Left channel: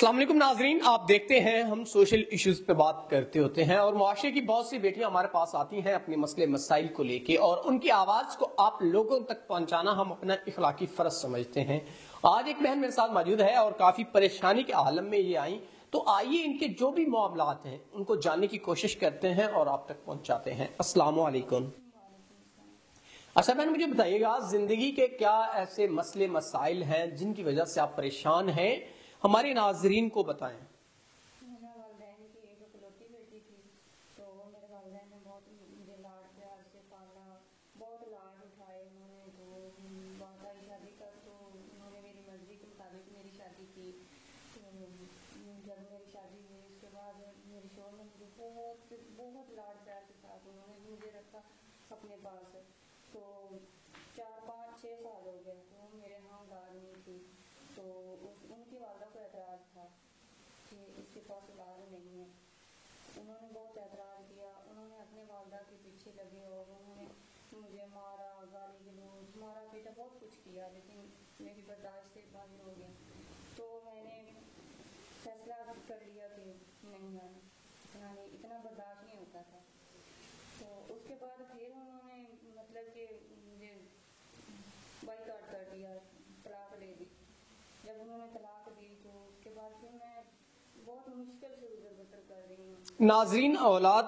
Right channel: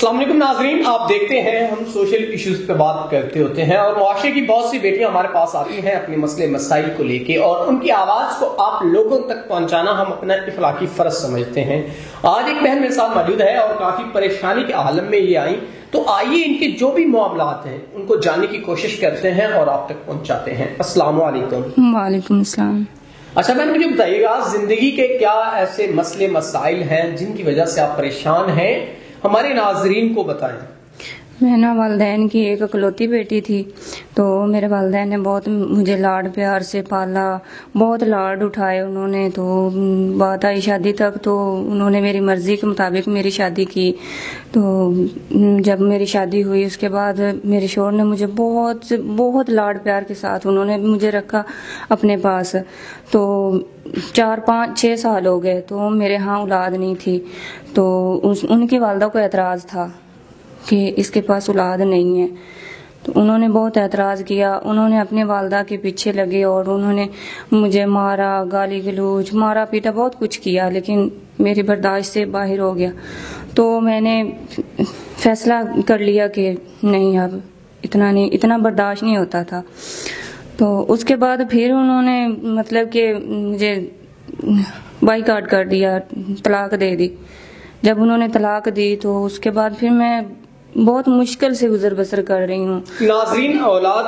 السلام علیکم ناظرین، آپ دیکھتے ہیں ہم سوشل ایشوز پہ بات کرتے ہوتے ہیں اور معاشرے کی بہت سی بیٹیاں ہمارے پاس آتی ہیں اپنے مسئلے مسائل کو لے کے، اور ان کی آواز کو آپ لوگوں تک پہنچانا ہم اپنا اخلاقی فرض سمجھتے ہیں۔ آج ایک بہن میرے ساتھ موجود ہے اور کافی پریشانی کے عالم میں یہ آئی، تو آئیے ان کے جو بھی معاملات ہیں ان کو جاننے کی کوشش کرتے ہیں اور آپ تک پہنچاتے ہیں۔ السلام علیکم۔ وعلیکم السلام۔ اچھا بہن، مجھے بتائیے گا زندگی کے کیا ایسے مسئلے مسائل ہیں جن کی وجہ سے آپ پریشان ہیں، ہمارے ناظرین کو بتائیں۔ میں نا والدین کی ایک اکلوتی بیٹی تھی، تو میرے والدین نے بہت مجھے لاڈ پیار سے پالا، بہت لاڈ اٹھائے انہوں نے۔ تو بات آئی شادی تک، تو انہوں نے میری مرضی کے مطابق میری شادی کی۔ تو جب میری شادی ہوئی اس کے بعد میرے شوہر نے مجھے بہت بہت لاڈ پیار کے ساتھ انہوں نے مجھے رکھا اپنے پاس۔ تو 4-5-6 سال ہو گئے تو میرے ہاں اولاد نہیں تھی، تو ان کی والدہ کو اعتراض تھا کہ اس کے پاس اولاد نہیں ہے۔ تو انہوں نے بہت اعتراض کیا، انہوں نے اپنے والدہ کے پیچھے لگے اور انہوں نے مجھے مارا، گالی گلوچ، مارا پیٹا، بہت کچھ کیا، لیکن میری برداشت سے باہر ہو گیا۔ تو میں نے فیصلہ کر لیا کہ نہیں، اب اتنا برداشت نہیں ہوتا تھا۔ تو اس کے بعد پھر انہوں نے مطلب کہ مجھے بائیکاٹ کر دیا، طلاق دے دی۔ جب انہوں نے طلاق دی تو اس کے بعد پھر میں بہت مشکل سے گزر بسر کر رہی ہوں۔ ناظرین، اولاد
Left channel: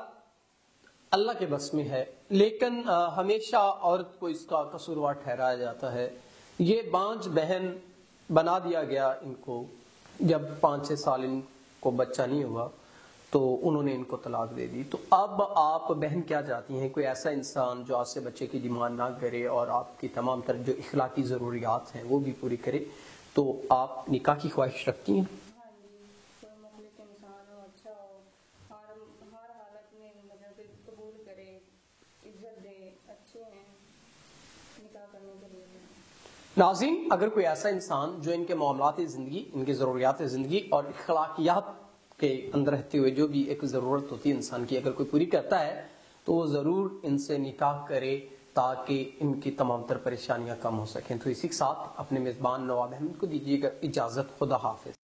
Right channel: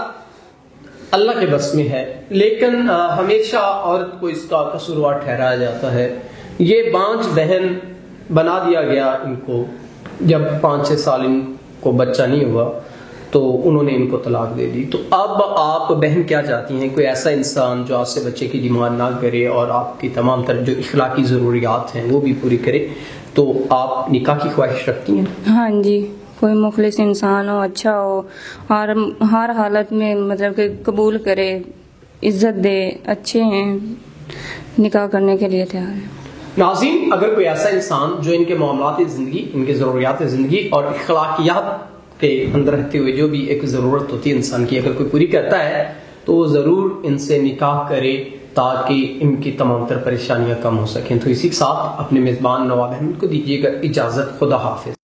اللہ کے بس میں ہے، لیکن ہمیشہ عورت کو اس کا قصوروار ٹھہرایا جاتا ہے۔ یہ بانجھ بہن بنا دیا گیا ان کو، جب 5-6 سال ان کو بچہ نہیں ہوا تو انہوں نے ان کو طلاق دے دی۔ تو اب آپ بہن کیا چاہتی ہیں؟ کوئی ایسا انسان جو آپ سے بچے کی ڈیمانڈ نہ کرے اور آپ کی تمام تر جو اخلاقی ضروریات ہیں وہ بھی پوری کرے، تو آپ نکاح کی خواہش رکھتی ہیں؟ ہاں جی، کوئی مخلص انسان ہو، اچھا ہو، ہر حالت میں مطلب کہ قبول کرے، عزت دے، اچھے ہیں، نکاح کرنے کے لیے تیار ہے۔ ناظرین، اگر کوئی ایسا انسان جو ان کے معاملات زندگی، ان کے ضروریات زندگی اور اخلاقیات کے اندر رہتے ہوئے جو بھی ایک ضرورت ہوتی ہے انسان کی، اگر کوئی پوری کرتا ہے تو وہ ضرور ان سے نکاح کرے تاکہ ان کی تمام تر پریشانیاں کم ہو سکیں۔ تو اسی کے ساتھ اپنے میزبان نواب احمد کو دیجیے گا اجازت۔ خدا حافظ۔